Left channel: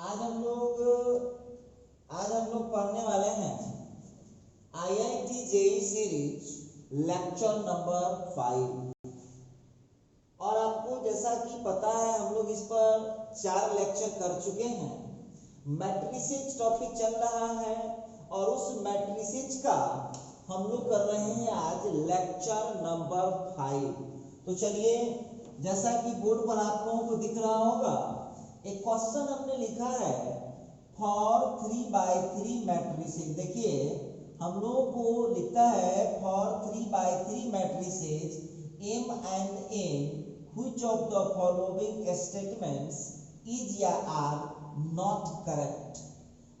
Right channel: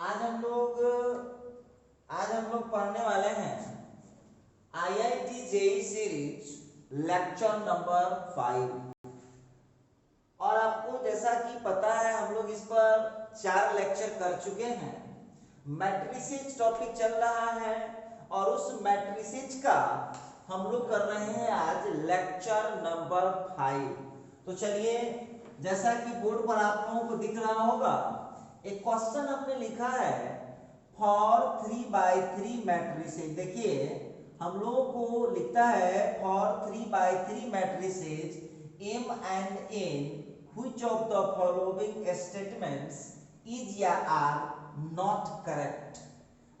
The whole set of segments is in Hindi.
आज हम लोग पढ़ने वाले हैं IIT JEE series lecture number 5। और आपको जैसा कि पता है हम लोग इस पर 4 लेक्चर कर चुके हैं। मैट्रिसेस टॉपिक चल रहा है और उस मैट्रिसेस का हम लोग कर रहे हैं आज लेक्चर नंबर 5। तो चलिए, जैसा कि बोर्ड पर आप लोगों को दिख रहा होगा, एक क्वेश्चन हमने लिखा है फॉर 3/3 मैट्रिसेस। देखिए, हम लोगों को लिखता है for 3/3 matrices M and N which of the following statements is या are not correct।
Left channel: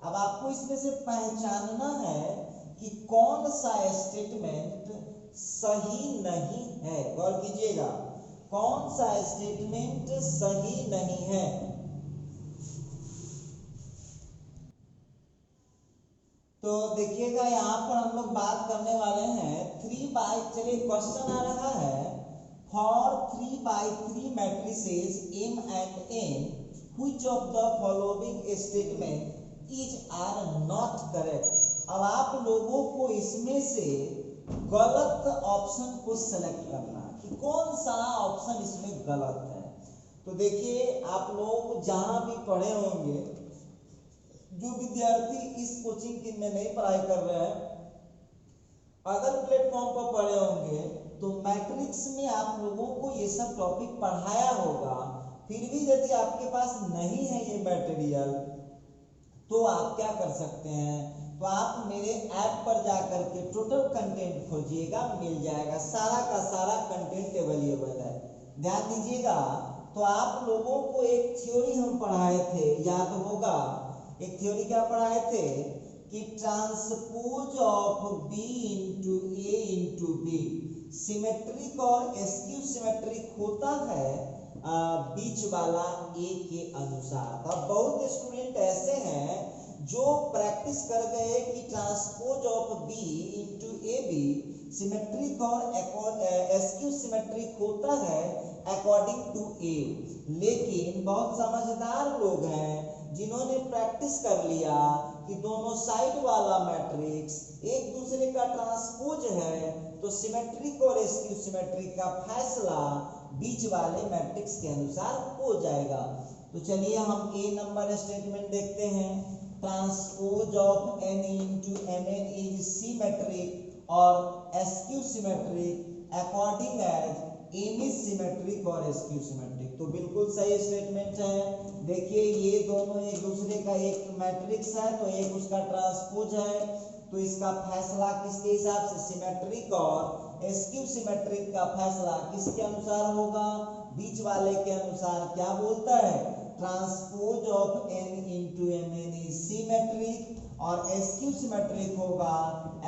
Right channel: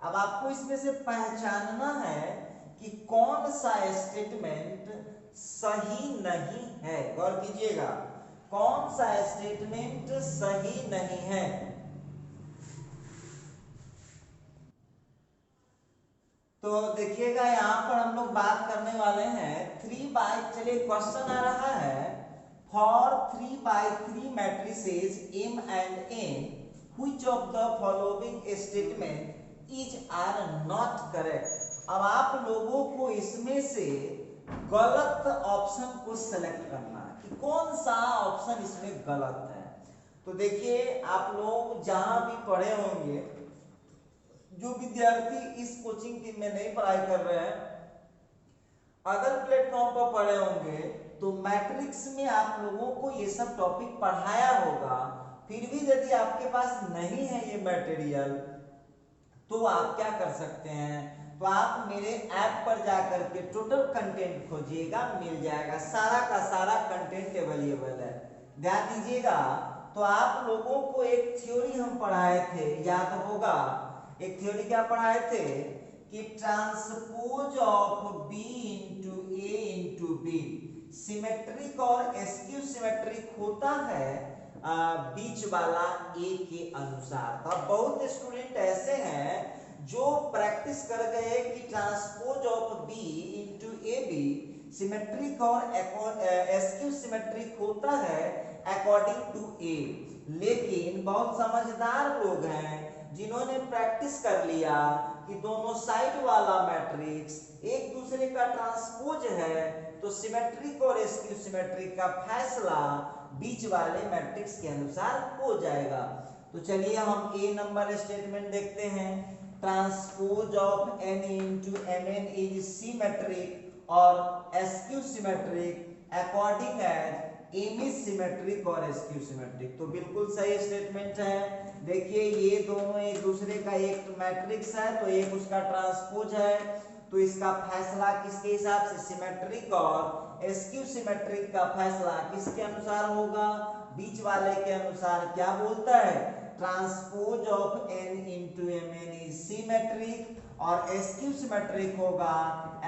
अब आपको इसमें से पहचानना है कि कौन सा स्टेटमेंट सही नहीं है। गौर कीजिएगा, कौन सा स्टेटमेंट सही नहीं है। तो देखिएगा, यहाँ पर हम लोग बात करने वाले हैं चलिए क्वेश्चन आ रहा है for 3/3 matrices M and N which of the following statement is are not correct। अब आप लोगों को इसमें से गलत ऑप्शन को सेलेक्ट करना है कि कौन सा ऑप्शन इसमें गलत है। तो देखिए, आप लोग जहां भी पढ़े होंगे, जो विद्यार्थी इस कोचिंग टीम में नहीं पढ़ाई कर रहे हैं, अगर प्लेटफॉर्म पर पढ़े होंगे तो मैट्रिक्स में आप लोगों को ये सब टॉपिक पढ़ाया होगा। फिर भी यदि आपके पास नहीं है ये मटेरियल, तो आप क्या कर सकते हैं, तो आप मेरे ऐप पर जाकर के टोटल कंटेंट खोजिएगा, मिल जाएगा। सारा का सारा कंटेंट अवेलेबल है। ध्यान दीजिएगा, तो आप लोगों को एक थ्योरी हम पढ़ाए थे, याद होगा। एक थ्योरी क्या पढ़ाए थे कि transpose of B into A into B symmetric और एस्क्यू सिमेट्रिक होता है बीच वाला ए के अनुसार। अब बहुत स्टूडेंट ऐसे हैं जो प्रैक्टिस कर गए कि transpose of B into A B symmetric और एस्क्यू सिमेट्रिक होता है अकॉर्डिंग टू ए। लेकिन बहुत समझदार लोग हैं जिन्होंने प्रैक्टिस कर लिया कि दोनों साइड वाला मैट्रिक्स एक दूसरे का ट्रांसपोज है, तो सिमेट्रिक और एस्क्यू सिमेट्रिक का फैसला बीच वाले मैट्रिक्स के अनुसार हो जाएगा। तो चलिए हम ए नंबर स्टेटमेंट देखते हैं। Transpose of n into mn is symmetric और skew symmetric according as m is symmetric और एस्क्यू सिमेट्रिक। तो बिल्कुल सही स्टेटमेंट है। देखिए, ये दोनों एक दूसरे का एक मैट्रिक्स है, तो एक उसका ट्रांसपोज है, तो इसका फैसला किसके हिसाब से, सिमेट्रिक, और एस्क्यू सिमेट्रिक का फैसला किसके अनुसार होगा, बीच वाले के अनुसार। क्या बोलता है, transpose of n into mn is symmetric और एस्क्यू सिमेट्रिक होगा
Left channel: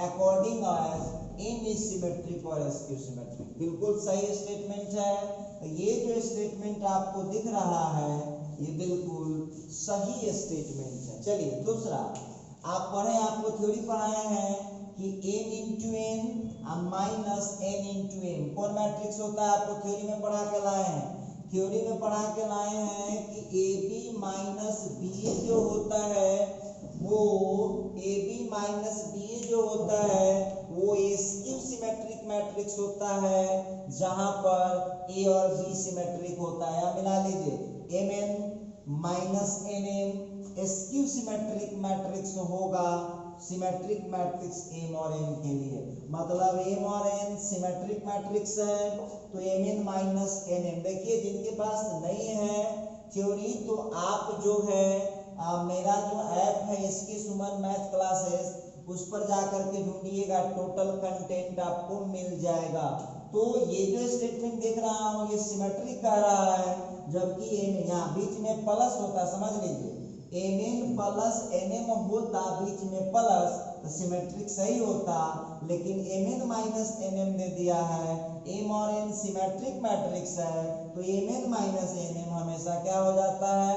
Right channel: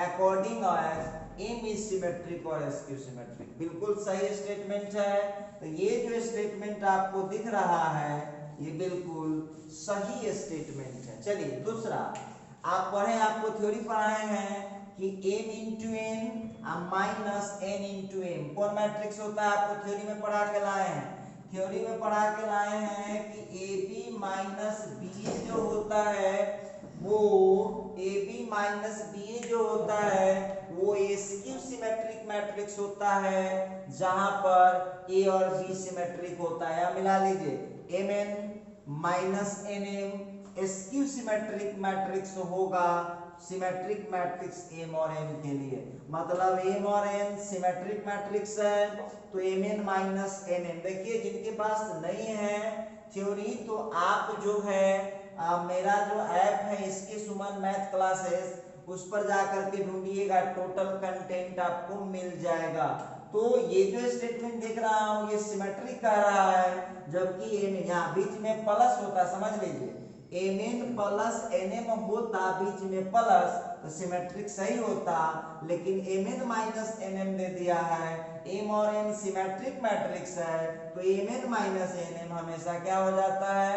according as m is symmetric और एस्क्यू सिमेट्रिक। बिल्कुल सही स्टेटमेंट है। तो ये जो स्टेटमेंट आपको दिख रहा है, ये बिल्कुल सही स्टेटमेंट है। चलिए दूसरा, आप पढ़े, आपको थ्योरी पढ़ाए हैं कि m into n minus n into m कौन मैट्रिक्स होता है, आपको थ्योरी में पढ़ा के लाए हैं। थ्योरी में पढ़ा के लाए हैं कि ab माइनस ba जो होता है, वो ab माइनस ba जो होता है वो एस्क्यू सिमेट्रिक मैट्रिक्स होता है, जहां पर a और b सिमेट्रिक होता है। मिला लीजिए, mn minus nm askew symmetric matrix होगा, सिमेट्रिक मैट्रिक्स m और n के लिए। मतलब m और n सिमेट्रिक मैट्रिक्स है, तो mn माइनस nm। देखिए, जिनके पास नहीं है थ्योरी, तो आप जो है मेरा जो ऐप है इसके सुमन मैथ क्लासेस, उस पर जाकर के ढूंढिएगा, टोटल कंटेंट आपको मिल जाएगा। तो ये जो स्टेटमेंट देख रहा हूँ, ये सिमेट्रिक कह रहा है, जबकि यहाँ बीच में प्लस होता, समझ लीजिए, mn प्लस nm होता, बीच में प्लस, तो सिमेट्रिक सही होता। लेकिन mn माइनस nm दे दिया है, m और n सिमेट्रिक मैट्रिक्स है, तो mn माइनस nm हमेशा क्या हो जाता है,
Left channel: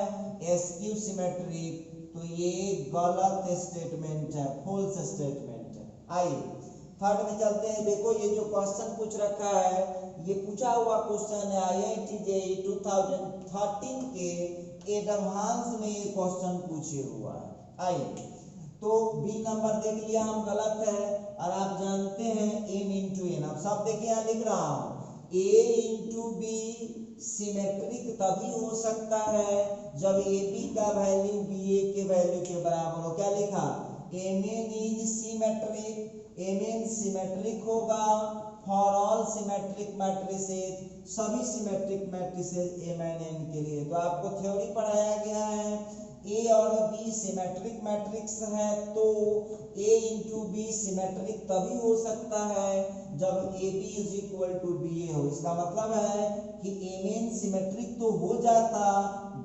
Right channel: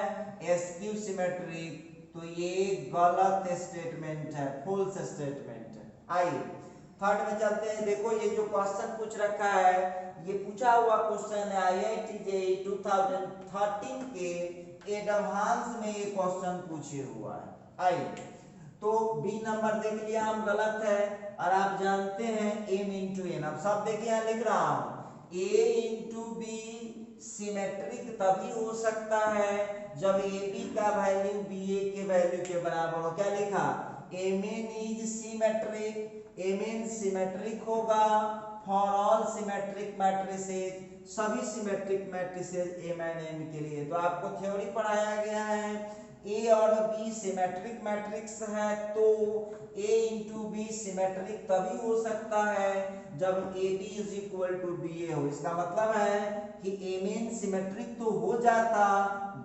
एस्क्यू सिमेट्रिक। तो ये गलत स्टेटमेंट है, फॉल्स स्टेटमेंट है। आइए थर्ड में चलते हैं। देखो, ये जो क्वेश्चन पूछ रखा है, ये पूछा हुआ क्वेश्चन है आईआईटी जेईई 2013 के एडवांस में ये क्वेश्चन पूछे हुआ है। आइए तो बी नंबर देख लिया हम गलत है, और आप जानते हैं m इंटू एन। अब सब देखिए यहाँ लिख रहा हूं a इंटू बी सिमेट्रिक तभी हो सकता है जब ए बी का वैल्यू बी ए के वैल्यू के बराबर हो। क्या लिखा, M N is symmetric, M N symmetric होगा फॉर ऑल सिमेट्रिक मैट्रिसेस, सभी symmetric matrices M N N के लिए। तो आपको थ्योरी पढ़ाया गया है ए और बी सिमेट्रिक मैट्रिक्स है, तो ए इंटू बी सिमेट्रिक तभी हो सकता है जब A B is equal to B A हो। इसका मतलब है कि एम एन सिमेट्रिक तो हो जाता,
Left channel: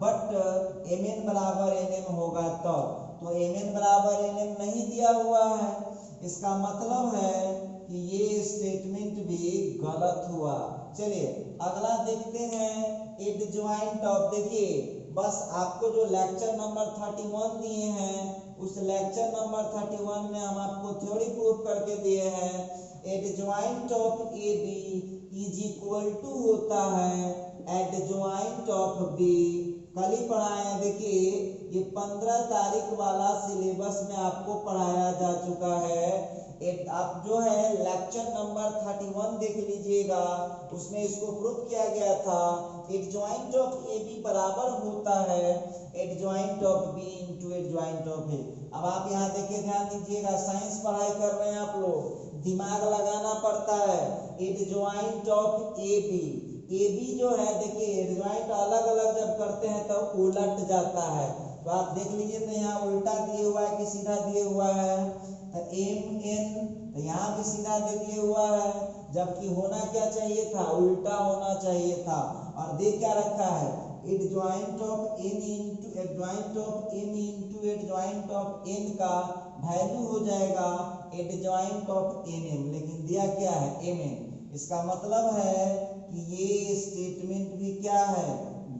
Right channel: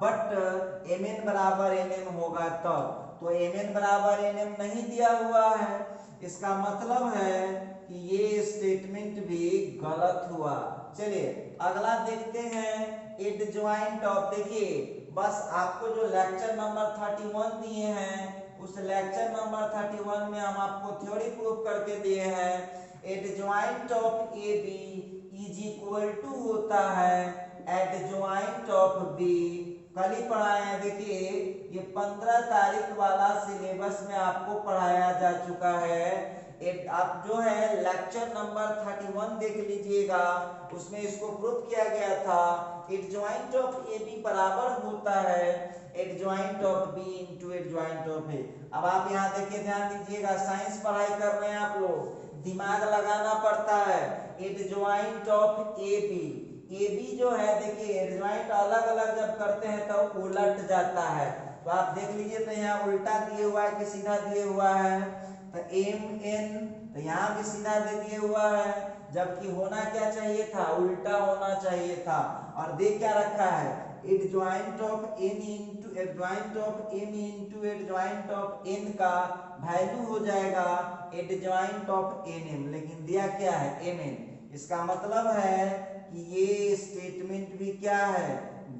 बट एम एन बराबर एन एम होगा तब। तो एम एन बराबर एन एम नहीं दिया हुआ है, इसका मतलब है कि ये स्टेटमेंट भी गलत हुआ। चलिए अगला देखते हैं एडजॉइंट ऑफ। देखिए बस आपको जो लेक्चर नंबर 31 दिए हैं उस लेक्चर नंबर 31 में हम आपको थ्योरी प्रूफ करके दिए हैं adjoint of A B is equal to होता है एडजॉइंट ऑफ बी। कल ही पढ़ाए हैं, देखिए ये 15 तारीख वाला सिलेबस में आपको पढ़ाया जा चुका है। आप जो है लेक्चर नंबर 31 देख लीजिएगा, उसमें इसको प्रूफ किया गया था एडजॉइंट ऑफ ए बी बराबर होता है adjoint of B into adjoint of A. अब आप यहाँ देखिए ध्यान दीजिएगा, साइंस पढ़ाई कर रहे हैं आप लोग, दिमाग लगाना पड़ता है। एडजॉइंट ऑफ ए बी जो है देखिए एडजॉइंट अलग अलग जब करते हैं तो उलट जाता है। तो आप देख लीजिए तो यहाँ उल्टा दिए हुआ है कि सीधा दिए हुआ है, तो एम एन तो यहाँ भी सीधा दे दिए हुआ है, जबकि होना क्या चाहिए था, उल्टा होना चाहिए था। और देख क्या रखा है adjoint of N into adjoint of M into adjoint of N का वैल्यू हो जाएगा एडजॉइंट ऑफ एन एम, लेकिन दिया क्या है एम एन। इसका मतलब है कि ये स्टेटमेंट भी क्या है,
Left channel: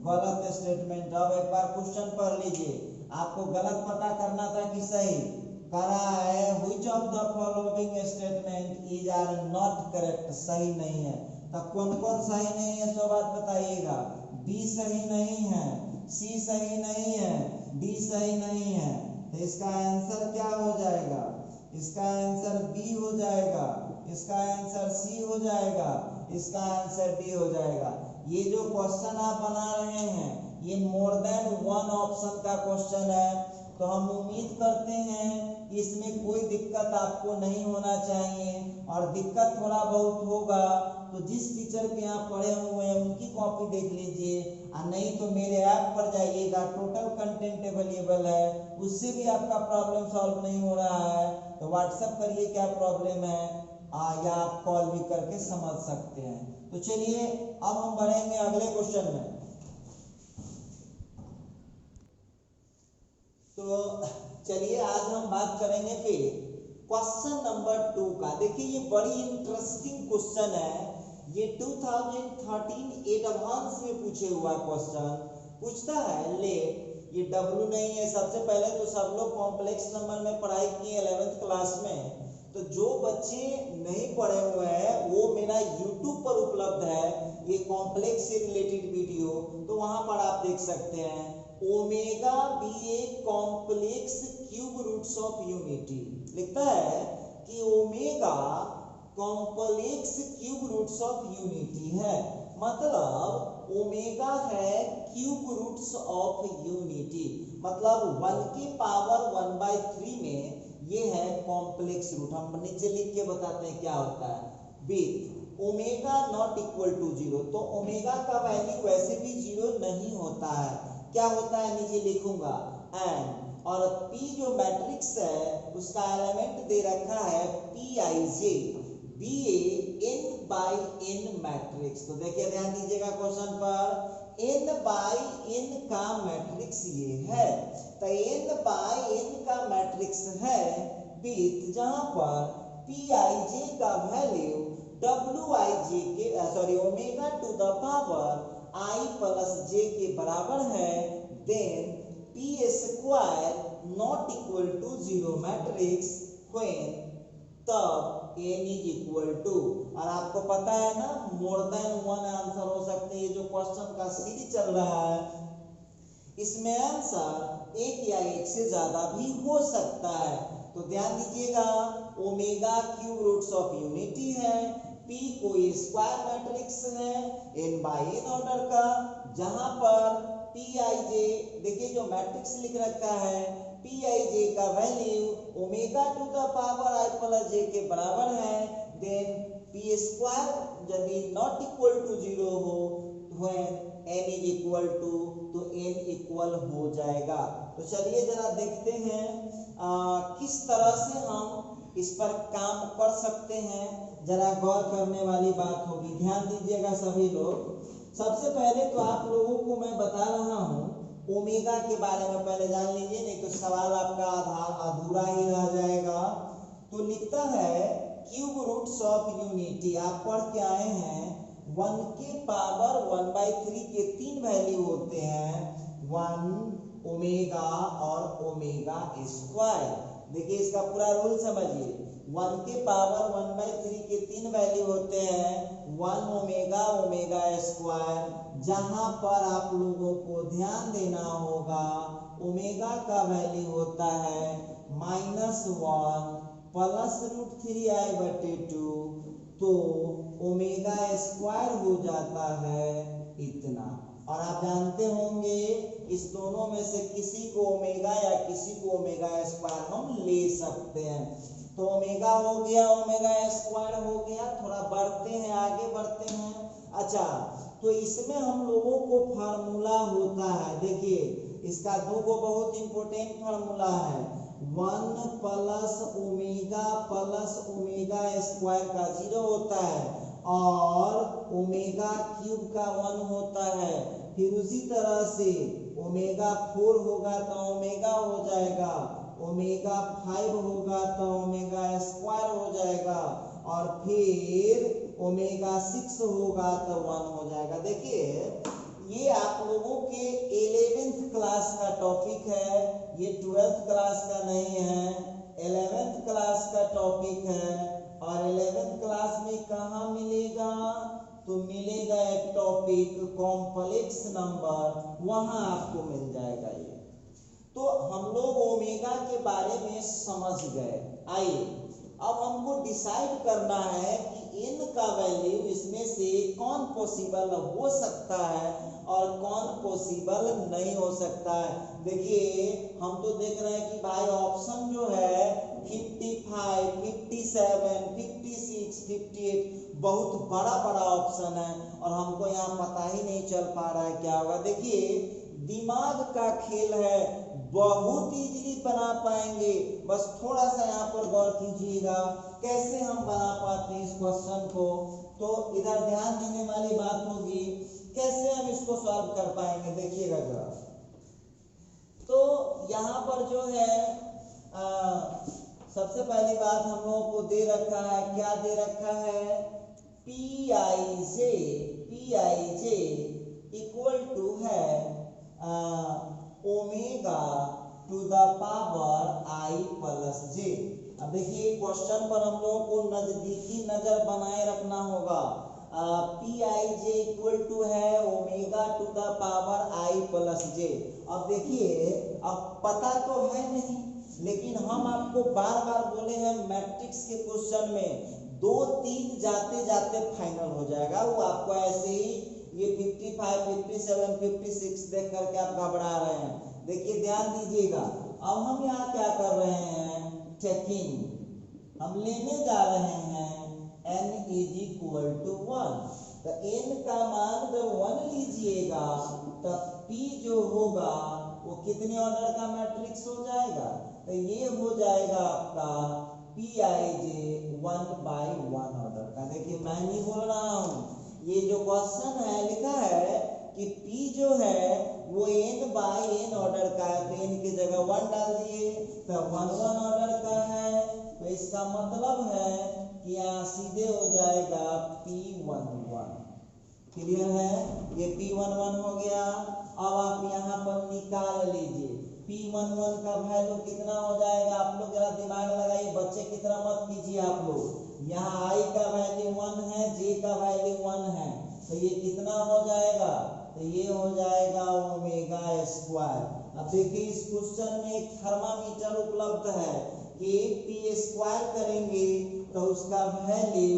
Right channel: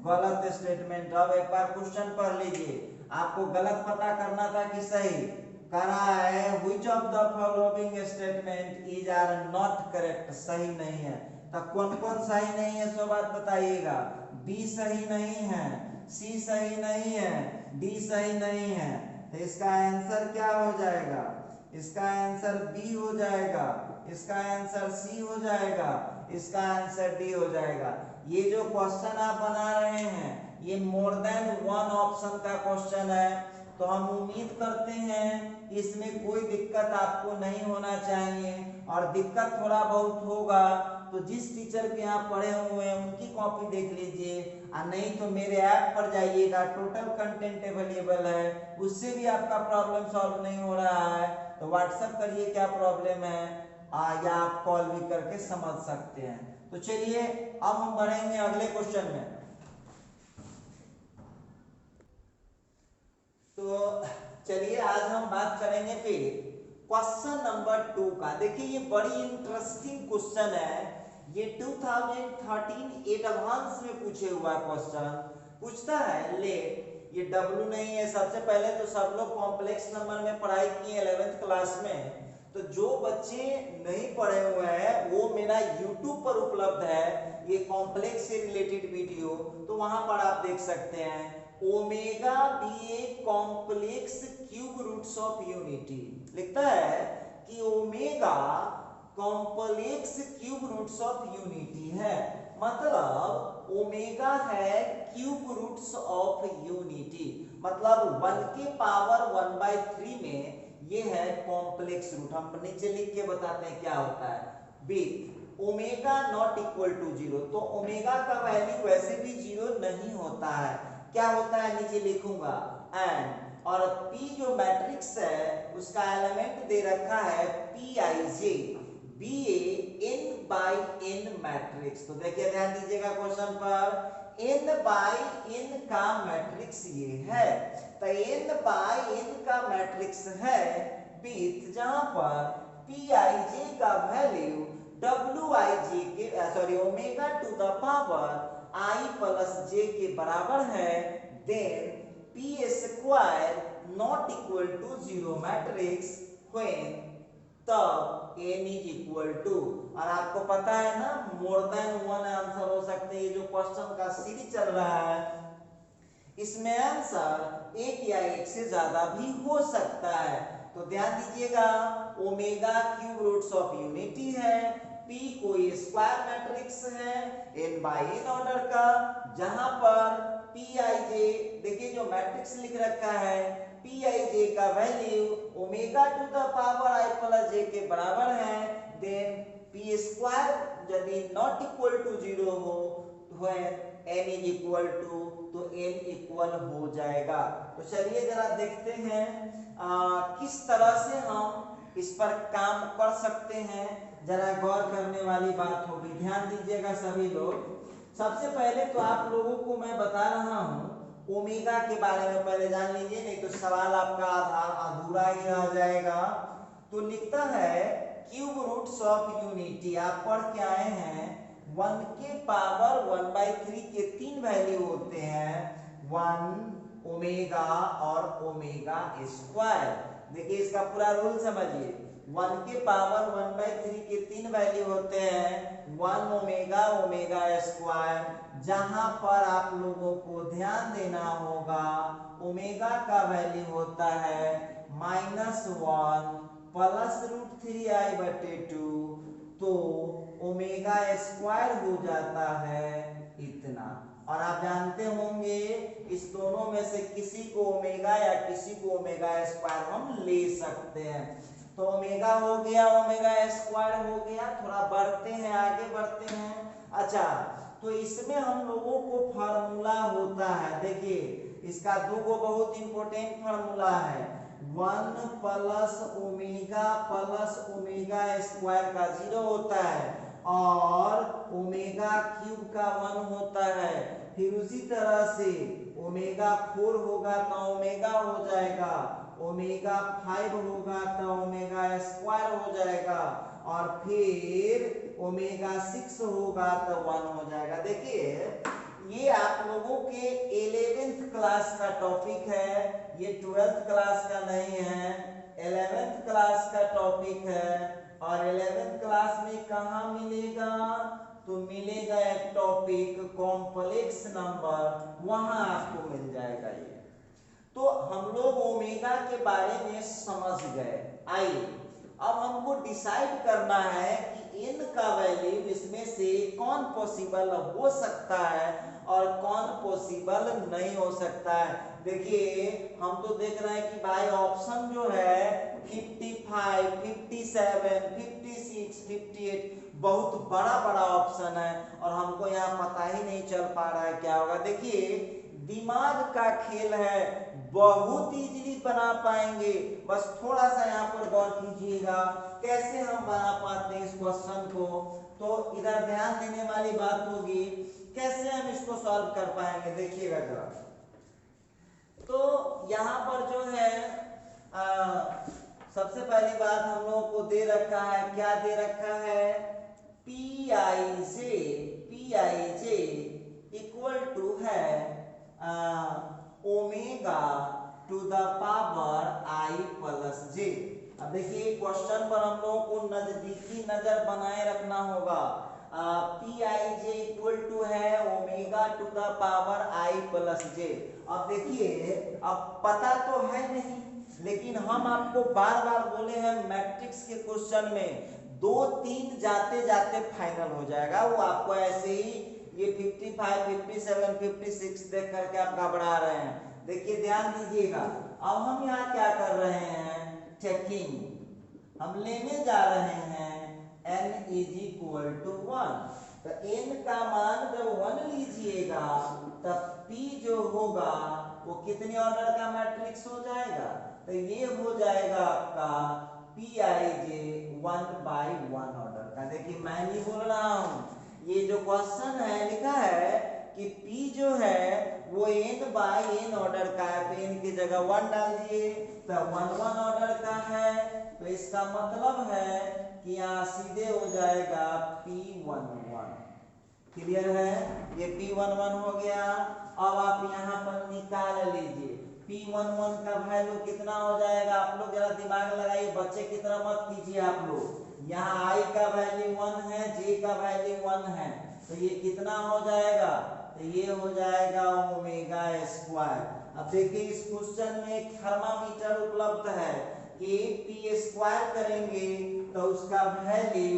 गलत स्टेटमेंट। अब एक बार क्वेश्चन पढ़ लीजिए, आपको गलत पता करना था कि सही करा है। Which of the following statement is are not correct, सही नहीं है। तो कौन कौन सही नहीं है सो बात बताइएगा। बी सही नहीं है, सी सही नहीं है, डी सही नहीं है। तो इसका आंसर क्या हो जाएगा, इसका आंसर बी हो जाएगा, इसका आंसर सी हो जाएगा, इसका आंसर डी हो जाएगा। ये जो क्वेश्चन आप बना रहे हैं ये मोर देन वन ऑप्शन का क्वेश्चन है, तो हम उम्मीद करते हैं इसमें कोई दिक्कत आपको नहीं होना चाहिए, और दिक्कत थोड़ा बहुत होगा तो जिस टीचर के यहाँ पढ़े हुए हैं उनकी कॉपी देख लीजिए, और नहीं तो मेरे ऐप पर जाइएगा, टोटल कंटेंट अवेलेबल है, उससे भी आपका प्रॉब्लम सॉल्व नहीं हो रहा है तो व्हाट्सएप करिए क्या प्रॉब्लम है, या आप कॉल भी करके समझ सकते हैं। तो चलिए अब हम बढ़ेंगे अगले क्वेश्चन में। तो चलिए आज हम बात करेंगे फिर क्वेश्चन नंबर 2 का। देखिए ये बड़ी इंटरेस्टिंग क्वेश्चन है, ये 2013 एडवांस में पूछे हुआ क्वेश्चन। पूछता है लेट, ये W नहीं है। सबसे पहले तो सब लोग कॉम्प्लेक्स नंबर में पढ़ाई किए 11th क्लास में, तो जो बच्चे नहीं पढ़े हुए हैं वो मेरा YouTube पर उपलब्ध है ये कॉम्प्लेक्स से रिलेटेड वीडियो, तो वहां पर आप देख सकते हैं। Omega be a complex cube roots of unity लिखता है कि omega complex cube roots of unity है, मतलब ओमेगा है क्यूब रूट्स ऑफ यूनिटी, मतलब 1 की पावर 1/3 में ये है कॉम्प्लेक्स रूट। हम नीचे लिख के बताते हैं क्या होता है। With omega not equal to 0, तो ओमेगा का वैल्यू वैसे भी 0 नहीं होता है, क्या होता है नीचे लिखूंगा एंड, और P जो मैट्रिक्स है उसका एलिमेंट दे रखा है Pij be n by n matrix. तो देखिए ध्यान दीजिएगा क्वेश्चन पर, n बाई n का मैट्रिक्स ये है, तो n बाई n का मैट्रिक्स है विथ जहां पर Pij का वैल्यू Wij के omega to the power I plus j के बराबर है, then P square not equal to 0 matrix when, तब n इज इक्वल टू, और आपको पता है ना मोर देन वन आंसर हो सकते हैं। ये जो क्वेश्चन का सीरीज चल रहा है इसमें आंसर एक या एक से ज्यादा भी हो सकता है। तो ध्यान दीजिएगा, omega cube roots of unity है, पी कोई स्क्वायर मैट्रिक्स है n बाई n ऑर्डर का, जहां पर पी आई जे, देखिए जो मैट्रिक्स लिख रखा है पी आई जे का value omega to the power i plus j के बराबर है। देन पी स्क्वायर यदि नॉट इक्वल टू 0 हो n इज इक्वल टू, तो n इक्वल हो जाएगा। तो चलिए जरा देखते हैं किस तरह से हम इस पर काम कर सकते हैं, जरा गौर करने वाली बात होगी। ध्यान दीजिएगा सभी लोग। सबसे पहले तो आप लोगों को मैं बता रहा हूं ओमेगा के बारे में, पहले जान लीजिए, नहीं तो सवाल आपका अधूरा ही रह जाएगा। तो लिखता है क्यूब रूट्स ऑफ यूनिटी, आप पढ़ के आए हैं 1 के पावर 1/3 के 3 वैल्यू होते हैं, 1 ओमेगा और ओमेगा स्क्वायर। देखिए इसका पूरा रूल समझिए, 1 के पावर 1/3 के 3 वैल्यू होते हैं, 1 ओमेगा ओमेगा स्क्वायर, जहां पर आप लोगों को ध्यान देना होगा ओमेगा का वैल्यू होता है -1 प्लस √3i/2, तो ओमेगा स्क्वायर हो जाता है इतना। और आप जानते होंगे इस दोनों में से किसी को ओमेगा या किसी को ओमेगा स्क्वायर हम ले सकते हैं। तो ओमेगा हो गया, ओमेगा स्क्वायर हो गया। थोड़ा बढ़ते हैं, आगे बढ़ते हैं। अच्छा, तो इसमें हम लोगों को फार्मूला होता है, देखिए इसका दो बहुत इंपॉर्टेंट फार्मूला है, 1 प्लस ओमेगा स्क्वायर का 0 होता है और ओमेगा क्यूब का 1 होता है। फिर उसी तरह से ओमेगा 4 होगा तो ओमेगा हो जाएगा, ओमेगा 5 होगा तो ओमेगा स्क्वायर हो जाएगा, और फिर ओमेगा 6 होगा तो 1 हो जाएगा। देखिए ये आप लोगों के 11th क्लास का टॉपिक है, ये 12th क्लास का नहीं है, 11th क्लास का टॉपिक है। और 11th क्लास में कहाँ मिलेगा, तो मिलेगा एक टॉपिक कॉम्प्लेक्स नंबर, वहां आपको मिल जाएगा ये। तो हम लोग ओमेगा के बारे में समझ गए। आइए अब हमको डिसाइड करना है कि n का वैल्यू इसमें से कौन पॉसिबल हो सकता है और कौन पॉसिबल नहीं हो सकता है। देखिए हम तो देख रहे हैं कि भाई ऑप्शन जो है 55, 57, 56, 58 बहुत बड़ा बड़ा ऑप्शन है और हमको यहाँ पता ही नहीं चल पा रहा है क्या होगा। देखिए दिमाग का खेल है, बहुत इजीली बना पाएंगे, बस थोड़ा सा यहाँ पर गौर कीजिएगा कैसे हम बना पाते हैं इस क्वेश्चन को। तो इधर ध्यान देने वाली बात होगी कैसे हम इसको सॉल्व कर पाएंगे, देखिएगा जरा। तो यहाँ पर जो है सबसे पहली बात हम लोगों को दे रखा है, क्या दे रखा है, p i j equal to है omega to the power i plus j. अब देखिए क्वेश्चन पर हम लोगों को नजदीकी नजर बनाए रखना होगा। P i j equal to है omega to the power i plus j. अब देखिए अब पता तो है नहीं, लेकिन हम आपको बार बार बोले हैं मैट्रिक्स के क्वेश्चन में 2-3 जाते जाते फाइनल हो जाएगा, वो आपको ऐसे ही ये 55, 57, 56 देख करके आप घबरा रहे हैं। देखिए ध्यान दीजिएगा, अब हम यहाँ क्या कर रहे हैं, चेकिंग हम लेने जा रहे हैं n इज इक्वल टू 1। तो n का मान जब 1 लीजिएगा तब p जो होगा वो कितने ऑर्डर का मैट्रिक्स हो जाएगा, तो ये हो जाएगा आपका पी आई जे 1/1 ऑर्डर का। देखिए मैं नहीं बोल रहा हूँ, ये जो क्वेश्चन है लिखा है कि p जो है वो n/n ऑर्डर का है, तो n की जगह 1 डाल दिए तो 1/1 ऑर्डर का है। तो इसका मतलब है कि यहाँ सीधे हो जाएगा p11। क्लियर है, ये p11 हो गया। अब आप यहाँ पर निकाल लीजिए p11 का वैल्यू कितना हो जाएगा, आप लोग जरा दिमाग लगाइए, बच्चे की तरह मत कीजिए आप लोग। यहाँ i का वैल्यू 1 है, j का वैल्यू 1 है, तो ये कितना हो जाएगा तो ये हो जाएगा ओमेगा स्क्वायर। अब देखिए इस क्वेश्चन में एक थर्मामीटर उपलब्ध है कि पी स्क्वायर करेंगे तो उसका वैल्यू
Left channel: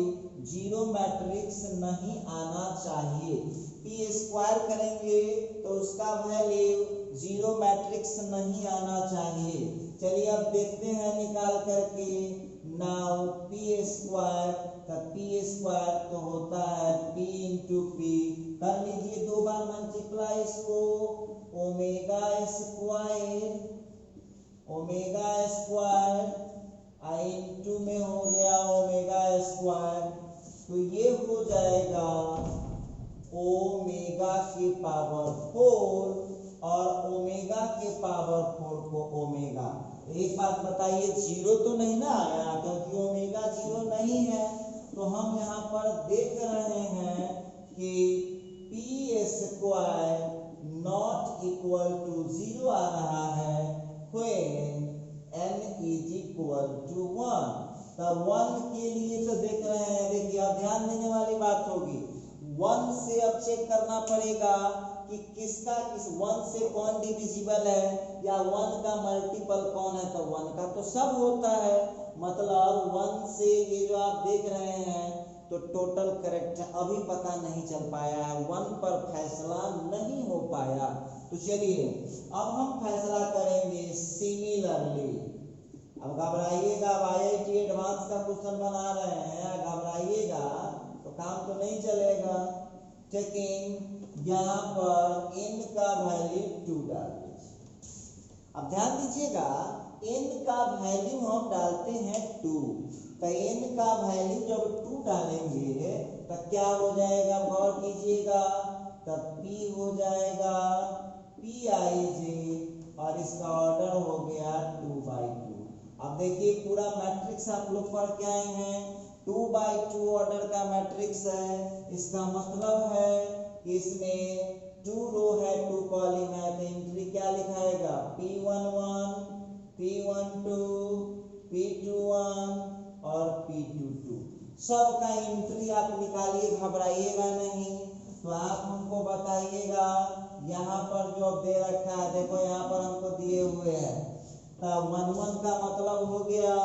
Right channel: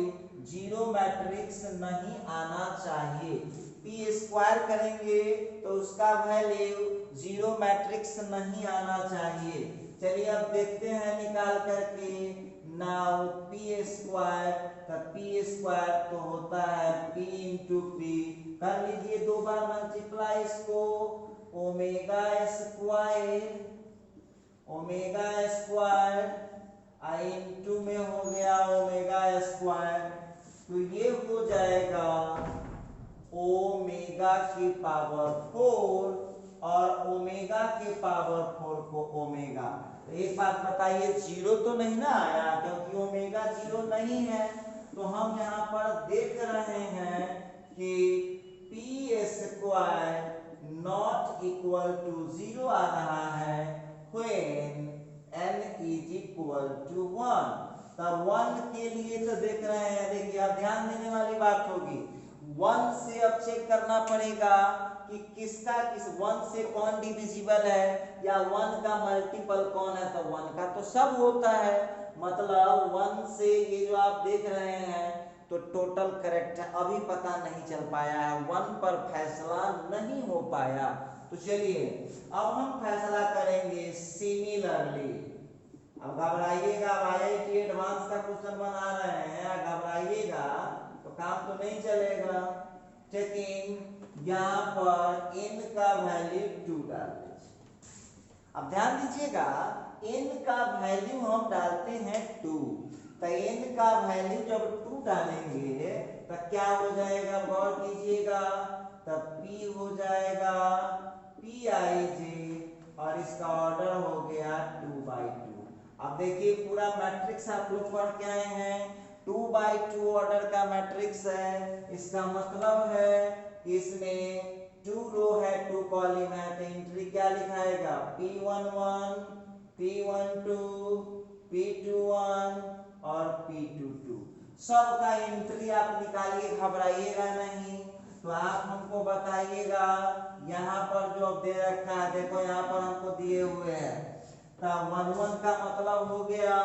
जीरो मैट्रिक्स नहीं आना चाहिए। पी स्क्वायर करेंगे तो उसका वैल्यू जीरो मैट्रिक्स नहीं आना चाहिए। चलिए अब देखते हैं निकाल करके। नाउ पी स्क्वायर, तो पी स्क्वायर तो होता है पी इंटू पी, कर लीजिए दो बार मल्टीप्लाई इसको, ओमेगा स्क्वायर, ओमेगा स्क्वायर आई इंटू में हो गया ओमेगा स्क्वायर, तो ये हो जाएगा ओमेगा की पावर 4 और ओमेगा के पावर 4 को ओमेगा। एक बात बताइए, जीरो तो नहीं ना आया, क्योंकि ओमेगा जीरो नहीं है। तो हम यहाँ पर देख रहे हैं कि p square not equal to zero आ रहा है when n is equal to 1। तब 1 के लिए तो देख रहे हैं, देखिए अब ध्यान देने वाली बात होगी, 1 से अब चेक करना पड़ेगा कि किसका किस 1 से कौन डिविजिबल है या 1 का मल्टीपल कौन है। तो 1 का तो सब होता है, मतलब 1 से ये जो आप देख रहे हैं तो टोटल करेक्ट है। अभी पता नहीं चल पाया है, 1 पर फैसला नहीं हो पाया। तो चलिए अब हम फैसला करेंगे सिमिलरली। अब घबराइएगा, IIT एडवांस का क्वेश्चन बना रहे हैं, घबराइएगा तो काम तो नहीं चलेगा। चेकिंग, यहाँ पर n का वैल्यू 2 डाल दीजिए। अब ध्यान दीजिएगा, n का वैल्यू हम डालते हैं 2, तो n का वैल्यू जब 2 डालेंगे तो क्या हो जाएगा, गौर कीजिएगा, तब p हो जाएगा pij और इसका ऑर्डर हो गया 2/2। अब देखिए पूरा मैट्रिक्स आप लोग पढ़ के आए हैं, 2/2 ऑर्डर का मैट्रिक्स है। इसका मतलब है कि इसमें 2 रो है 2 कॉलम है, तो एंट्री क्या लिखाएगा, p11, p12, p21 और p22। सबका एंट्री आप निकालिए, घबराइएगा नहीं। तो आप हमको बताइएगा, यहाँ पर जो दे रखा है, देखो यहाँ पर हमको दिए हुए हैं, तब 1 का मतलब हो गया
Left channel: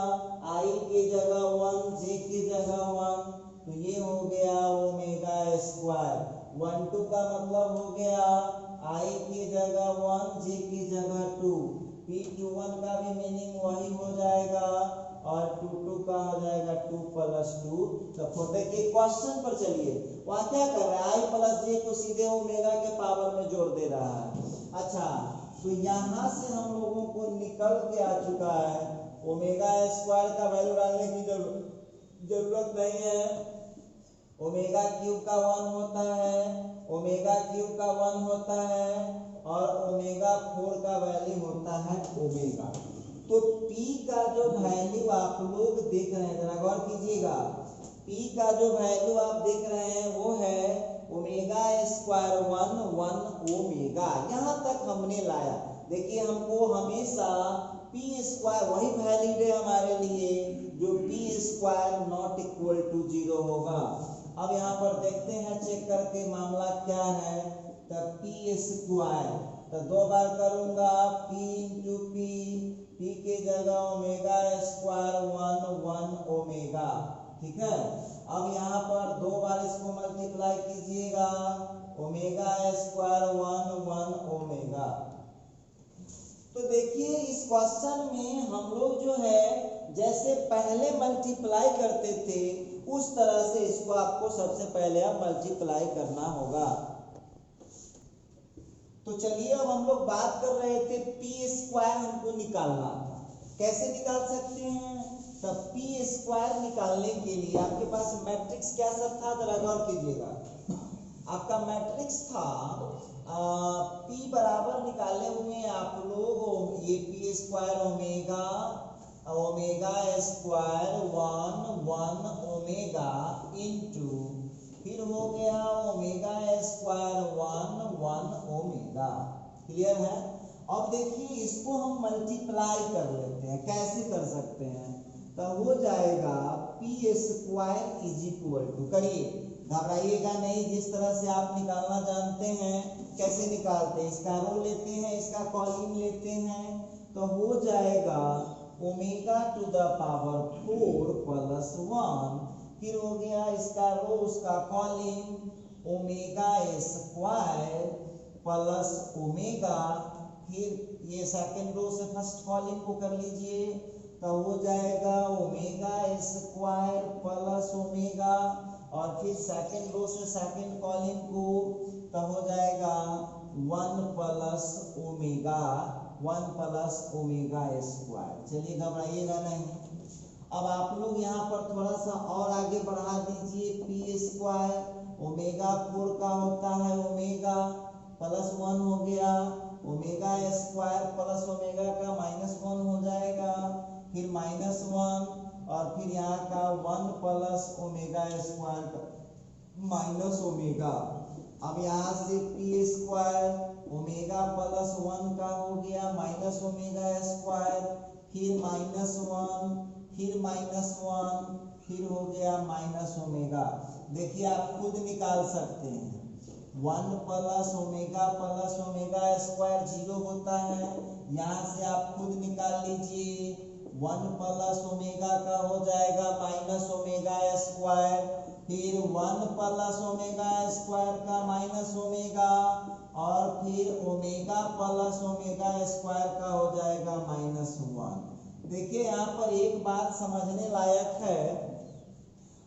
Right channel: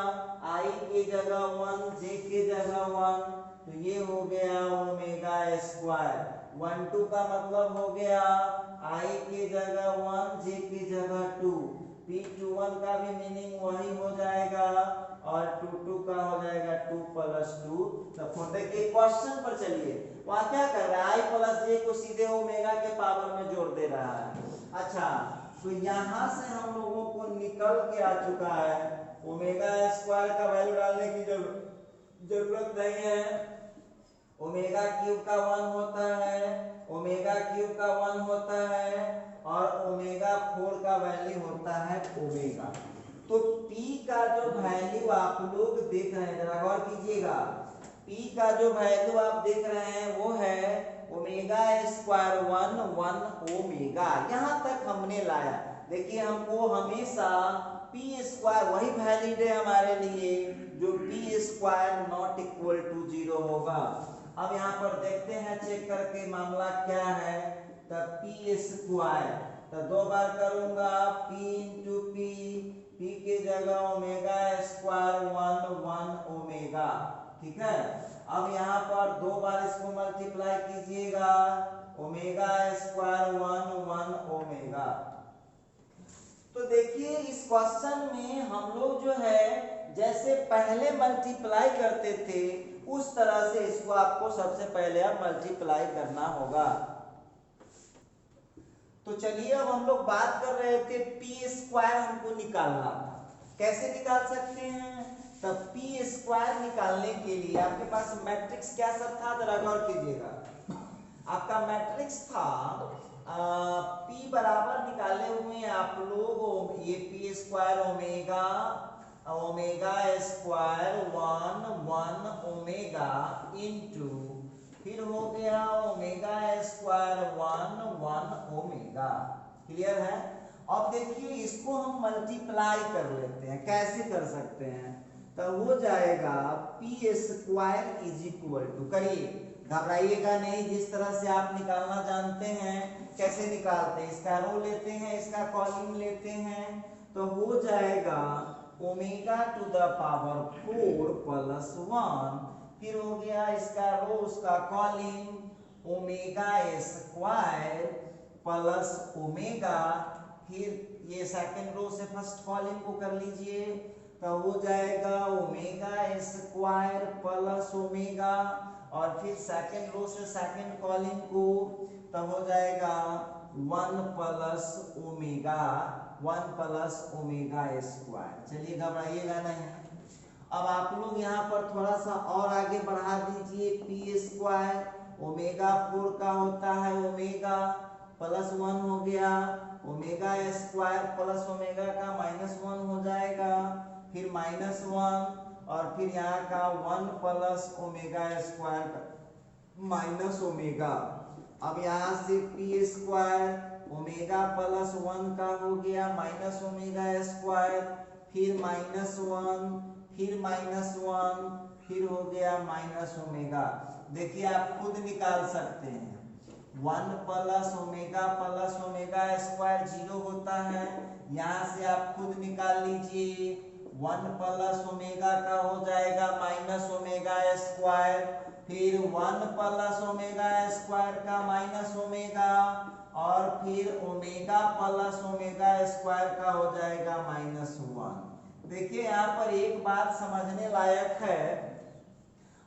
i के जगह 1, j के जगह 1, तो ये हो गया ओमेगा स्क्वायर। 1 का मतलब हो गया i के जगह 1, j के जगह 2, p21 का भी मीनिंग वही हो जाएगा और 2 का हो जाएगा 2 + 2। तो देखिए क्वेश्चन पर चलिए, वहाँ क्या कर रहा है, i + j को सीधे ओमेगा के पावर में जोड़ दे रहा है। अच्छा, तो यहाँ से हम लोगों को निकल के आ चुका है, ओमेगा स्क्वायर का वैल्यू डालने की जरूरत नहीं है। ओमेगा क्यूब का 1 होता है, ओमेगा क्यूब का 1 होता है और ओमेगा 4 का वैल्यू होता है ओमेगा। तो p का जो वैल्यू आप लोग देख रहे हैं, जरा गौर कीजिएगा, p का जो वैल्यू आप देख रहे हैं वो है ओमेगा स्क्वायर 1 ओमेगा। यहाँ तक हमने लाया। देखिए हमको हमेशा पी स्क्वायर वही वैलिड है हमारे लिए जो P square not equal to 0 होगा। अब यहाँ पर देखते हैं चेक करके मामला क्या है। तब पी स्क्वायर, तो 2 बार करूंगा p इंटू पी के जगह ओमेगा स्क्वायर 1 ओमेगा, ठीक है। अब यहाँ पर 2 बार इसको मल्टीप्लाई कीजिएगा, ओमेगा स्क्वायर 1 ओमेगा। तो देखिए इस क्वेश्चन में हम लोग जो है जैसे पहले मल्टीप्लाई करते थे उस तरह से इसको आपको सबसे पहले अब मल्टीप्लाई करना होगा। तो चलिए अब हम लोग बात कर रहे थे पी स्क्वायर हमको निकालना था, कैसे निकाल सकते हैं। तब पी स्क्वायर निकालने के लिए आपके पास मैट्रिक्स क्या सब था, जरा गौर कीजिएगा। आपका मैट्रिक्स था p बराबर निकाले हुए आप लोग, ये P square omega square 1 omega into फिर हो गया ओमेगा स्क्वायर 1 ओमेगा। क्लियर है। अब देखिए इसको हम मल्टीप्लाई कर लेते हैं, कैसे कर सकते हैं, तो हो जाएगा P square is equal to, करिए घबराइएगा नहीं, जिस तरह से आप निकालना जानते हैं। कैसे निकालते हैं, इसका रो लेते हैं, इसका कॉलिंग लेते हैं, तो हो जाएगा omega to the power 4 plus 1, फिर हो गया इसका रो उसका column omega square plus omega, फिर ये सेकंड रो से फर्स्ट कॉलिंग को कर लीजिए, तो हो जाएगा ओमेगा स्क्वायर प्लस ओमेगा, और फिर सेकंड रो से सेकंड कॉलिंग को, तो हो जाएगा 1 प्लस ओमेगा स्क्वायर। चलिए घबराइएगा नहीं। अब आप लोग यहाँ पर थोड़ा सा और आगे बढ़ा दीजिए, पी स्क्वायर ओमेगा 4 का होता है ओमेगा प्लस 1 हो गया, ओमेगा स्क्वायर प्लस ओमेगा का -1 हो जाएगा, फिर -1, और फिर यहाँ का 1 प्लस ओमेगा स्क्वायर का माइनस ओमेगा। अब यहाँ से पी स्क्वायर ओमेगा प्लस 1 का हो गया माइनस ओमेगा स्क्वायर, फिर -1, फिर -1, फिर हो गया माइनस ओमेगा। देखिए आप खुद निकाल सकते हैं, 1 प्लस ओमेगा स्क्वायर 0 होता है, यहाँ से आप खुद निकाल लीजिए। 1 प्लस ओमेगा का हो जाएगा माइनस ओमेगा स्क्वायर, फिर 1 प्लस ओमेगा स्क्वायर का माइनस ओमेगा, और फिर ओमेगा प्लस ओमेगा स्क्वायर का हो जाएगा -1। देखिए यहाँ पर एक बात समझने लायक है।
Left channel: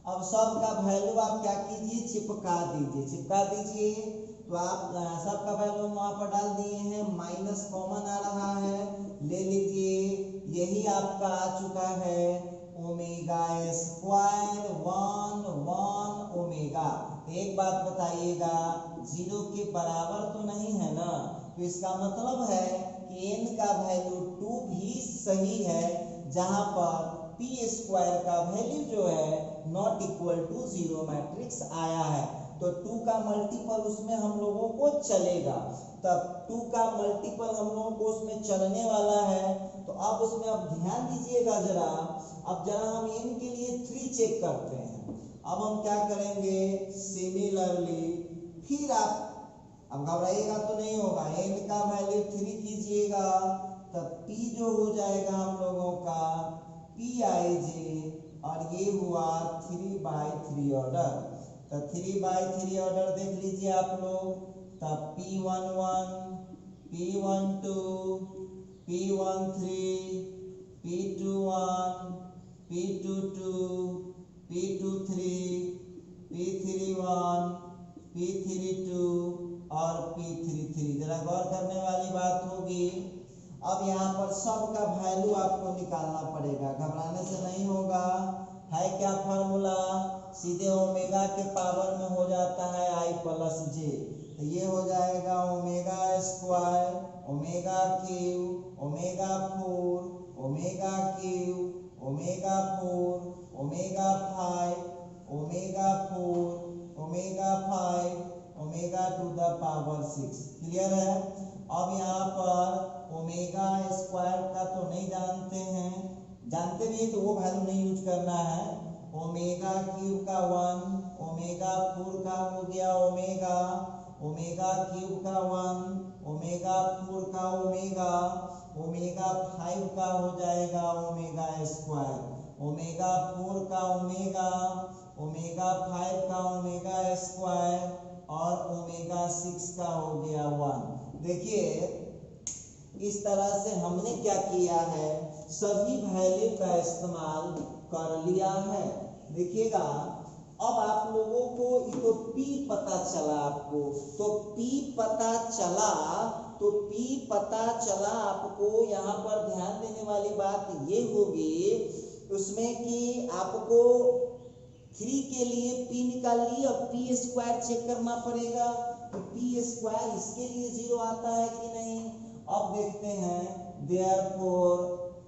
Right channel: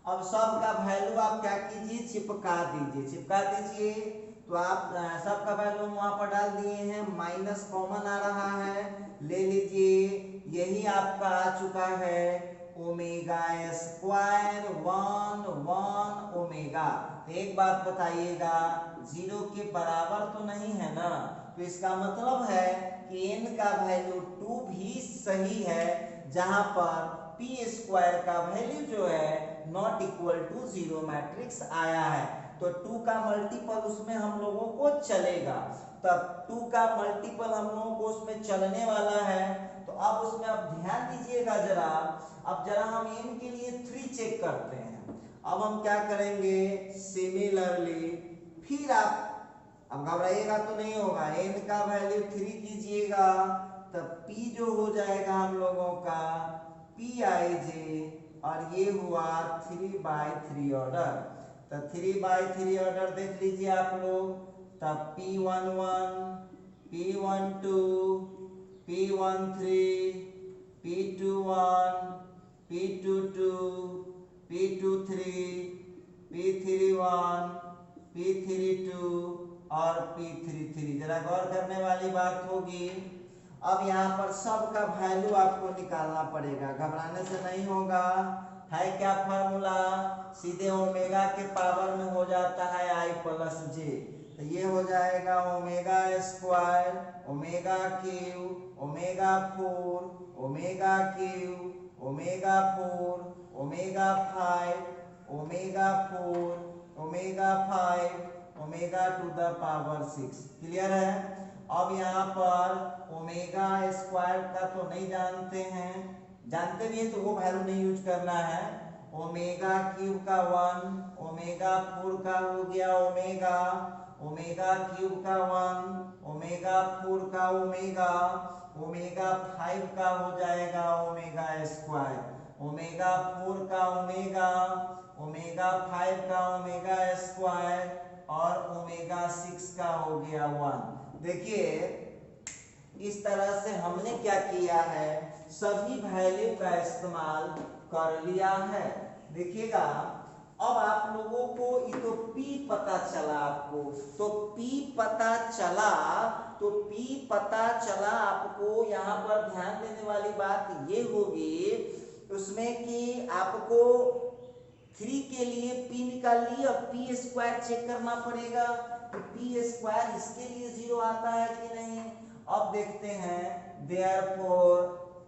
अब सब का वैल्यू आप क्या कीजिए, चिपका दीजिए। तो आप सब का वैल्यू वहां पर डाल दिए हैं, माइनस कॉमन आ रहा है, ले लीजिए, यही आपका आ चुका है ओमेगा स्क्वायर 1 ओमेगा। एक बात बताइएगा, 0 के बराबर तो नहीं है ना, तो इसका मतलब है कि n का वैल्यू 2 भी सही है, जहां पर पी स्क्वायर का वैल्यू जो है नॉट इक्वल टू 0 मैट्रिक्स आया है, तो 2 का मल्टीपल उसमें हम लोगों को चलेगा। तब 2 का मल्टीपल हम लोगों को उसमें चलने वाला है, तो अब उसमें आप ध्यान दीजिएगा जरा। अब जरा हम n के लिए 3 चेक करते हैं। अब हम क्या करेंगे, सिमिलरली फिर आप, अब घबराइएगा तो नहीं होगा, n का वैल्यू 3 कीजिएगा, तब p जो हो जाएगा हम लोगों का pij, और ये हुआ 3/3 ऑर्डर। तो 3/3 ऑर्डर देख लीजिए आप लोग, तब p11, p12, p13, p21, p22, p23, p31, p32 और p33। जरा गौर करने वाली बात होगी। अब यहाँ पर सब का वैल्यू आपको निकालना पड़ेगा, घबराने से नहीं होगा। है क्या फॉर्मूला, सीधे ओमेगा के पावर में हो जाता है i प्लस j, तो ये हो जाएगा omega square omega cube omega 4 omega cube omega 4 omega 5 omega 4 omega 5 omega to the power 6। Clear है। अब यहाँ पर ओमेगा स्क्वायर का तो नहीं जानते हैं, जानते भी हैं तो वो वैल्यू नहीं यूज करना है। ओमेगा क्यूब का 1, ओमेगा 4 का हो गया ओमेगा, ओमेगा क्यूब का 1, ओमेगा 4 का ओमेगा, ओमेगा 5 का हो जाएगा ओमेगा स्क्वायर, ओमेगा 4 का ओमेगा, ओमेगा 5 का ओमेगा स्क्वायर, और ओमेगा 6 का हो गया 1। देखिए इस तरह से हमने क्या किया है, सभी वैल्यू का इस्तेमाल कर लिया है। देखिएगा अब आप लोगों को ये तो P पता चला, आपको तो P पता चला, तो P पता चला आपको। यहाँ पर ध्यान देने वाली बात ये होगी उसमें कि आपको 3 के लिए P निकाल लिए, अब P स्क्वायर चेक करना पड़ेगा कि P स्क्वायर इसके लिए 0 आता है कि नहीं। अब देखते हैं, therefore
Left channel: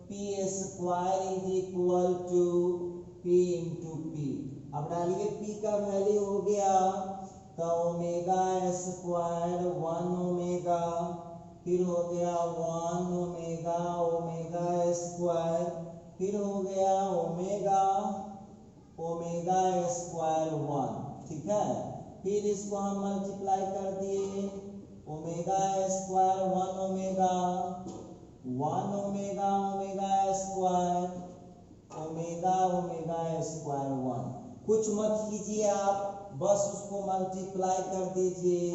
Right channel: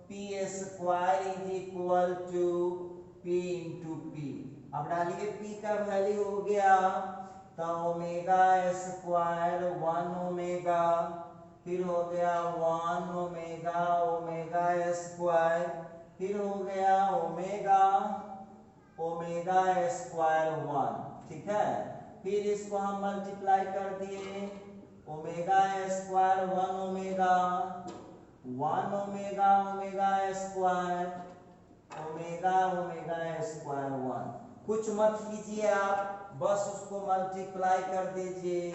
P square is equal to P into P। अब डालिए P का वैल्यू हो गया, तो ओमेगा स्क्वायर 1 ओमेगा, फिर हो गया 1 ओमेगा ओमेगा स्क्वायर, फिर हो गया ओमेगा ओमेगा स्क्वायर 1। ठीक है, फिर इसको हम मल्टीप्लाई कर दिए, omega square 1 omega omega square omega square 1। कुछ मत कीजिए आप, बस उसको मल्टीप्लाई कर दीजिए,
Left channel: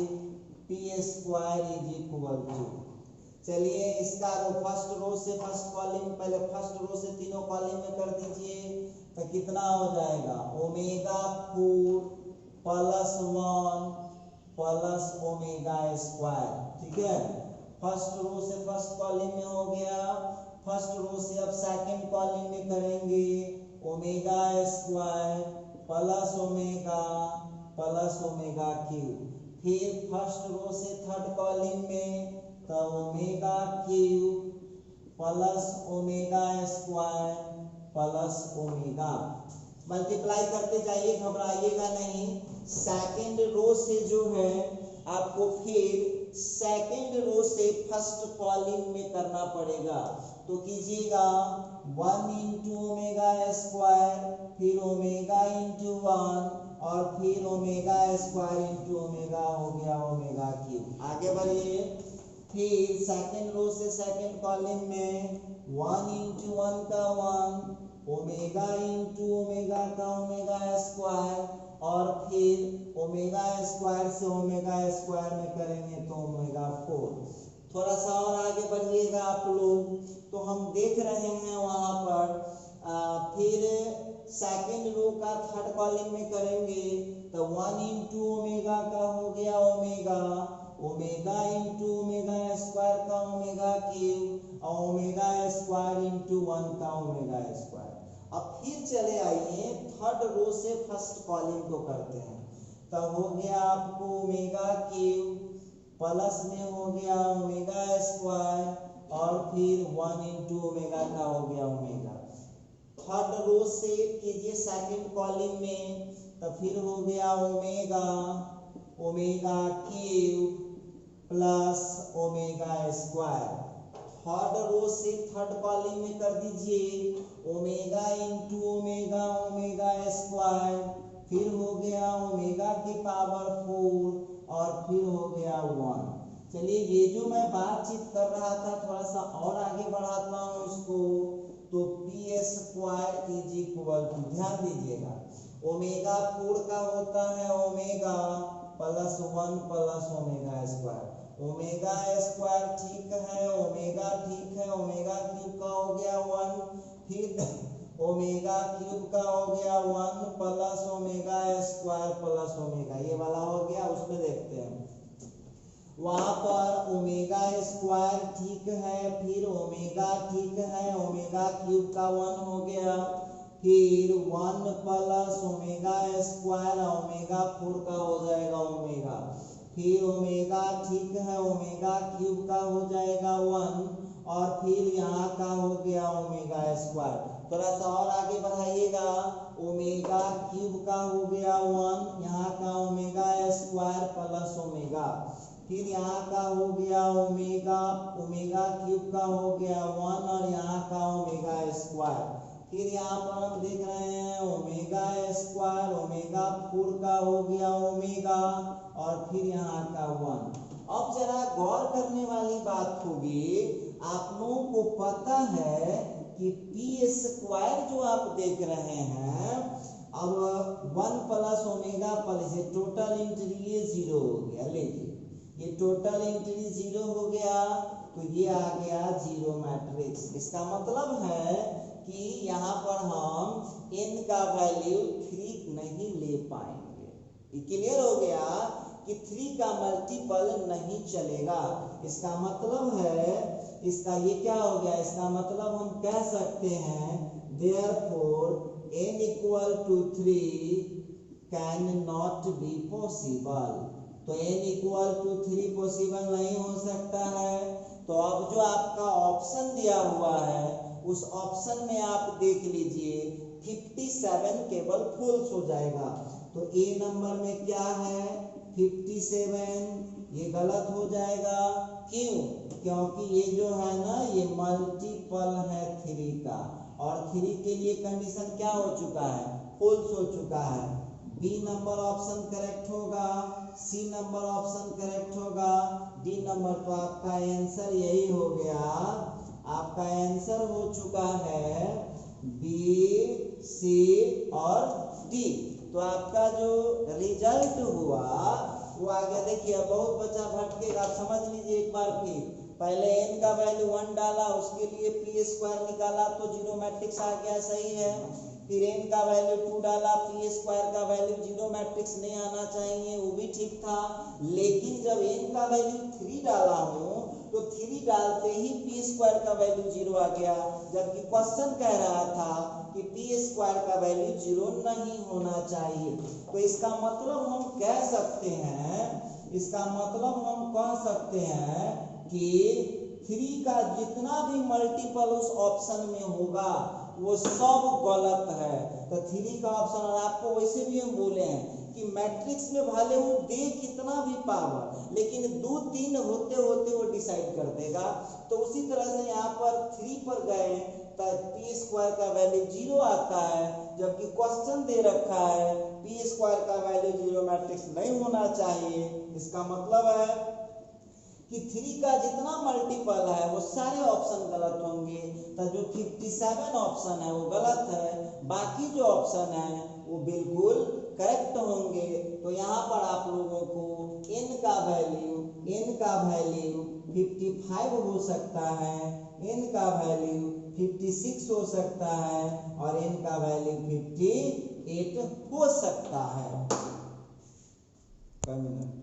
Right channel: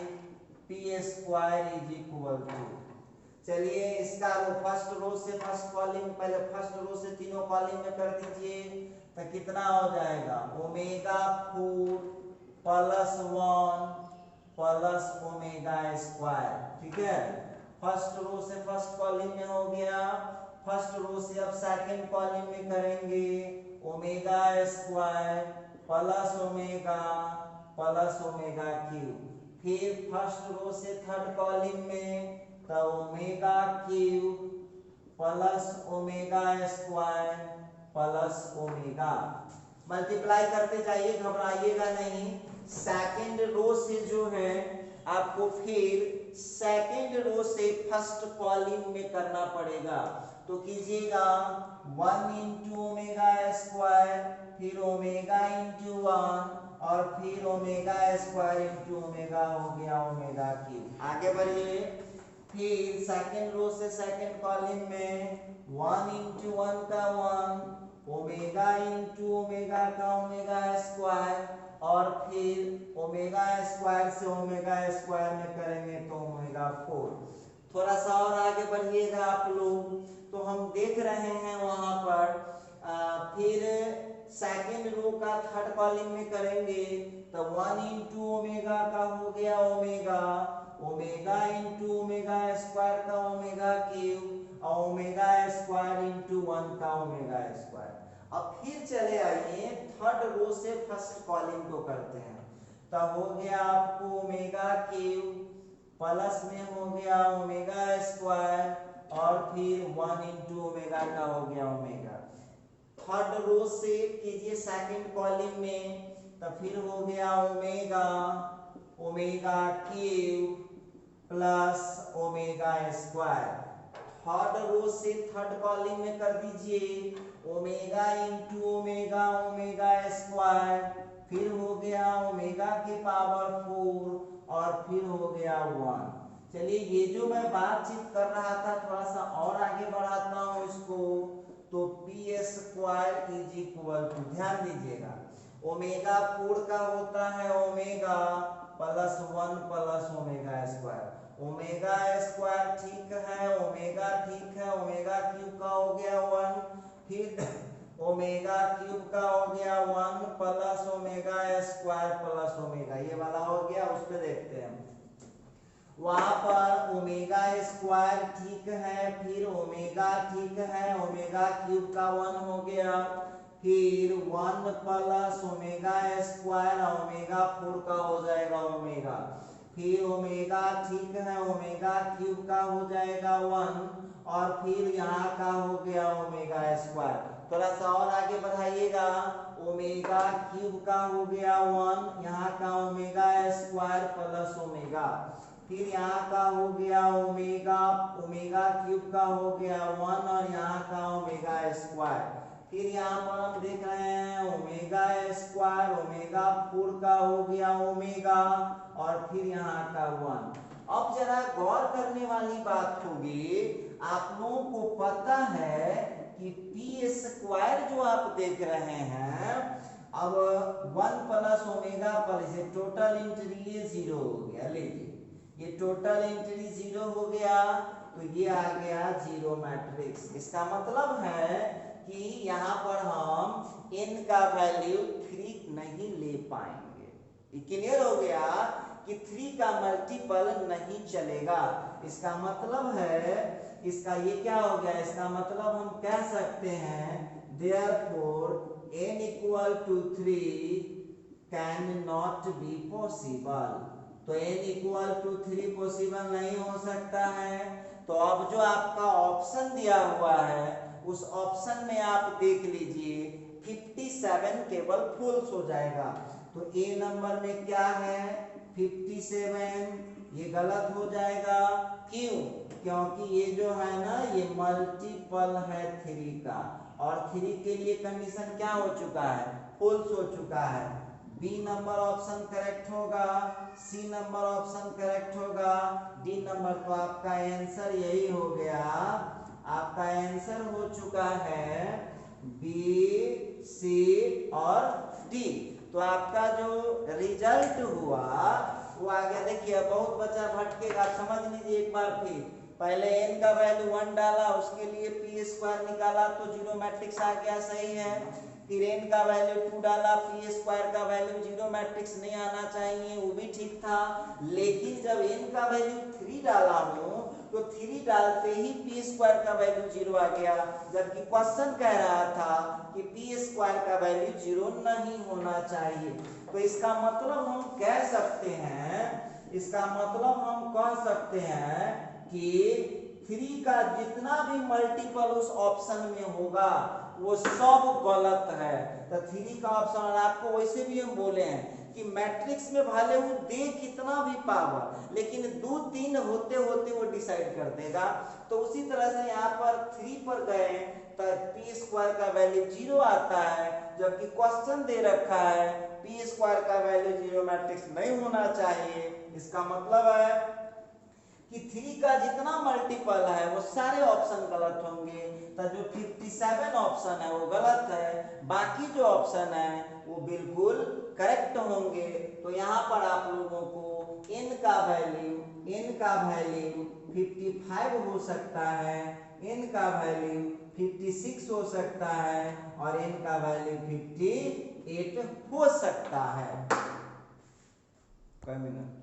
P square is equal to, चलिए इसका फर्स्ट रो से फर्स्ट कॉलम, पहले फर्स्ट रो से तीनों कॉलम में कर दीजिए, तो कितना हो जाएगा omega 4 plus 1 plus omega square, ठीक है। फर्स्ट रो से फर्स्ट कॉलम में हो गया, फर्स्ट रो से अब सेकंड कॉलम में करेंगे, omega square plus omega cube, फिर फर्स्ट रो से थर्ड कॉलम में तो omega cube plus omega square plus omega, multiply करते जाइए, घबराइएगा नहीं। सेकंड रो से जो है आपको फिर सेकंड रो से फर्स्ट कॉलम में करना पड़ेगा, तो कीजिएगा 1 इंटू ओमेगा स्क्वायर, फिर ओमेगा इंटू 1 और फिर ओमेगा स्क्वायर इंटू ओमेगा, हो गया ओमेगा क्यूब। आगे बढ़िए, फिर सेकंड रो से सेकंड कॉलम में 1 इंटू 1 का 1 ओमेगा इंटू ओमेगा का ओमेगा स्क्वायर, और फिर ओमेगा स्क्वायर से ओमेगा स्क्वायर में करेंगे तो ओमेगा 4। थोड़ा सा और आगे बढ़िएगा आप लोग, तो हम देख रहे हैं वहां पर फिर सेकंड रो का थर्ड कॉलम में करेंगे तो 1 इंटू ओमेगा का हो गया ओमेगा इंटू ओमेगा स्क्वायर का ओमेगा क्यूब और ओमेगा स्क्वायर इंटू 1 का ओमेगा स्क्वायर। अब फिर चले आइए थर्ड रो से फर्स्ट कॉलम को करते हैं, तब हो गया आपको ओमेगा क्यूब प्लस में हो गया ओमेगा स्क्वायर और फिर 1 इंटू ओमेगा का हो गया ओमेगा। थर्ड रो से कीजिए सेकंड कॉलम में, तो फिर हो गया omega cube plus omega square. Third row से थर्ड कॉलम में कर दीजिए omega into omega omega square, फिर हो गया ओमेगा के पावर 4 और फिर हो गया 1। चलिए ये जो मैं बातचीत कर रहा था थोड़ा सा और आगे बढ़ाता हूँ इसको, तो p square is equal to, ध्यान दीजिएगा ओमेगा 4 का होता है omega plus 1 plus omega square. Omega square ठीक है, ओमेगा ठीक है, ओमेगा क्यूब का हो गया 1, फिर ओमेगा क्यूब का हो गया 1 plus omega square plus omega, ये वाला हो गया। उस पे देखते हैं वहां पर ओमेगा स्क्वायर ठीक है, फिर ओमेगा ठीक है, ओमेगा क्यूब का 1 हो गया, फिर 1 प्लस ओमेगा स्क्वायर ओमेगा 4 का हो जाएगा ओमेगा, फिर ओमेगा ठीक है, ओमेगा क्यूब का हो जाएगा 1 और फिर यहाँ का हो गया ओमेगा स्क्वायर। थोड़ा सा और आगे बढ़ाइएगा, ओमेगा क्यूब का हो गया 1, यहाँ का ओमेगा स्क्वायर प्लस ओमेगा, फिर यहाँ का हो गया ओमेगा क्यूब का हो गया 1 और यहाँ का ओमेगा स्क्वायर, फिर यहाँ पर हम देख रहे हैं ओमेगा स्क्वायर ओमेगा 4 का हो गया ओमेगा और फिर यहाँ का 1। अब जरा गौर करने वाली बात होगी, आप लोगों को पता है कि पी स्क्वायर जो आप देख रहे हैं, अब 1 plus omega plus total entry ये 0 हो गया, लीजिए ये टोटल एंट्री 0 हो गया, तो ये आ गया 0 मैट्रिक्स। इसका मतलब है कि यहाँ पर हम n का वैल्यू 3 नहीं ले पाएंगे। ये क्लियर हो गया कि 3 का मल्टीपल नहीं चलेगा। इसका मतलब है, इसका ये क्या हो गया, इसका मतलब हम कह सकते हैं therefore n equal to 3 can not be possible. तो n equal to 3 पॉसिबल नहीं हो सकता है। तो अब जो आपका ऑप्शन दिया हुआ है उस ऑप्शन में आप देख लीजिए 57 केवल फुल्स हो जाएगा। तो ए नंबर में क्या है 57, ये गलत हो जाएगा। क्यों? क्योंकि ये जो है ना ये मल्टीपल है 3 का, और 3 के लिए कंडीशन क्या हो चुका है, फुल्स हो चुका है। बी नंबर ऑप्शन करेक्ट होगा, सी नंबर ऑप्शन करेक्ट होगा, डी नंबर। तो आपका आंसर यही हो गया, आपका आंसर हो चुका है बी, सी और डी। तो आपका जो रिजल्ट हुआ वो आ गया। देखिए बहुत बच्चा भटकेगा, समझ लीजिए एक बार फिर। पहले n का वैल्यू 1 डाला, उसके लिए पी स्क्वायर निकाला तो जीरो मैट्रिक्स आ गया, सही है। फिर n का वैल्यू 2 डाला, पी स्क्वायर का वैल्यू जीरो मैट्रिक्स नहीं आना चाहिए, वो भी ठीक था। लेकिन जब n का वैल्यू 3 डाला हूँ तो 3 डालते ही पी स्क्वायर का वैल्यू जीरो आ गया, जबकि क्वेश्चन कह रहा था कि पी स्क्वायर का वैल्यू जीरो नहीं होना चाहिए। तो इसका मतलब हम कह सकते हैं, इसका मतलब हम कह सकते हैं कि 3 का जितना भी मल्टीपल उस ऑप्शन में होगा वो सब गलत है। तो 3 का ऑप्शन, और आपको वैसे भी हम बोले हैं कि मैट्रिक्स में भले वो दे कितना भी पावर, लेकिन 2 3 होते होते वो डिसाइड कर देगा। तो उसी तरह से यहाँ पर 3 पर गए तो पी स्क्वायर का वैल्यू जीरो आता है, जबकि क्वेश्चन दे रखा है पी स्क्वायर का वैल्यू जीरो मैट्रिक्स नहीं होना चाहिए। इसका मतलब है कि 3 का जितना मल्टीपल है वो सारे ऑप्शन गलत होंगे। तो जो 57 ऑप्शन है वो गलत है, बाकी जो ऑप्शन है वो बिल्कुल करेक्ट होंगे। तो यहाँ पर आप लोगों को n का वैल्यू 55 हो सकता है, n का वैल्यू 56 हो सकता है और n का वैल्यू 58 हो सकता है।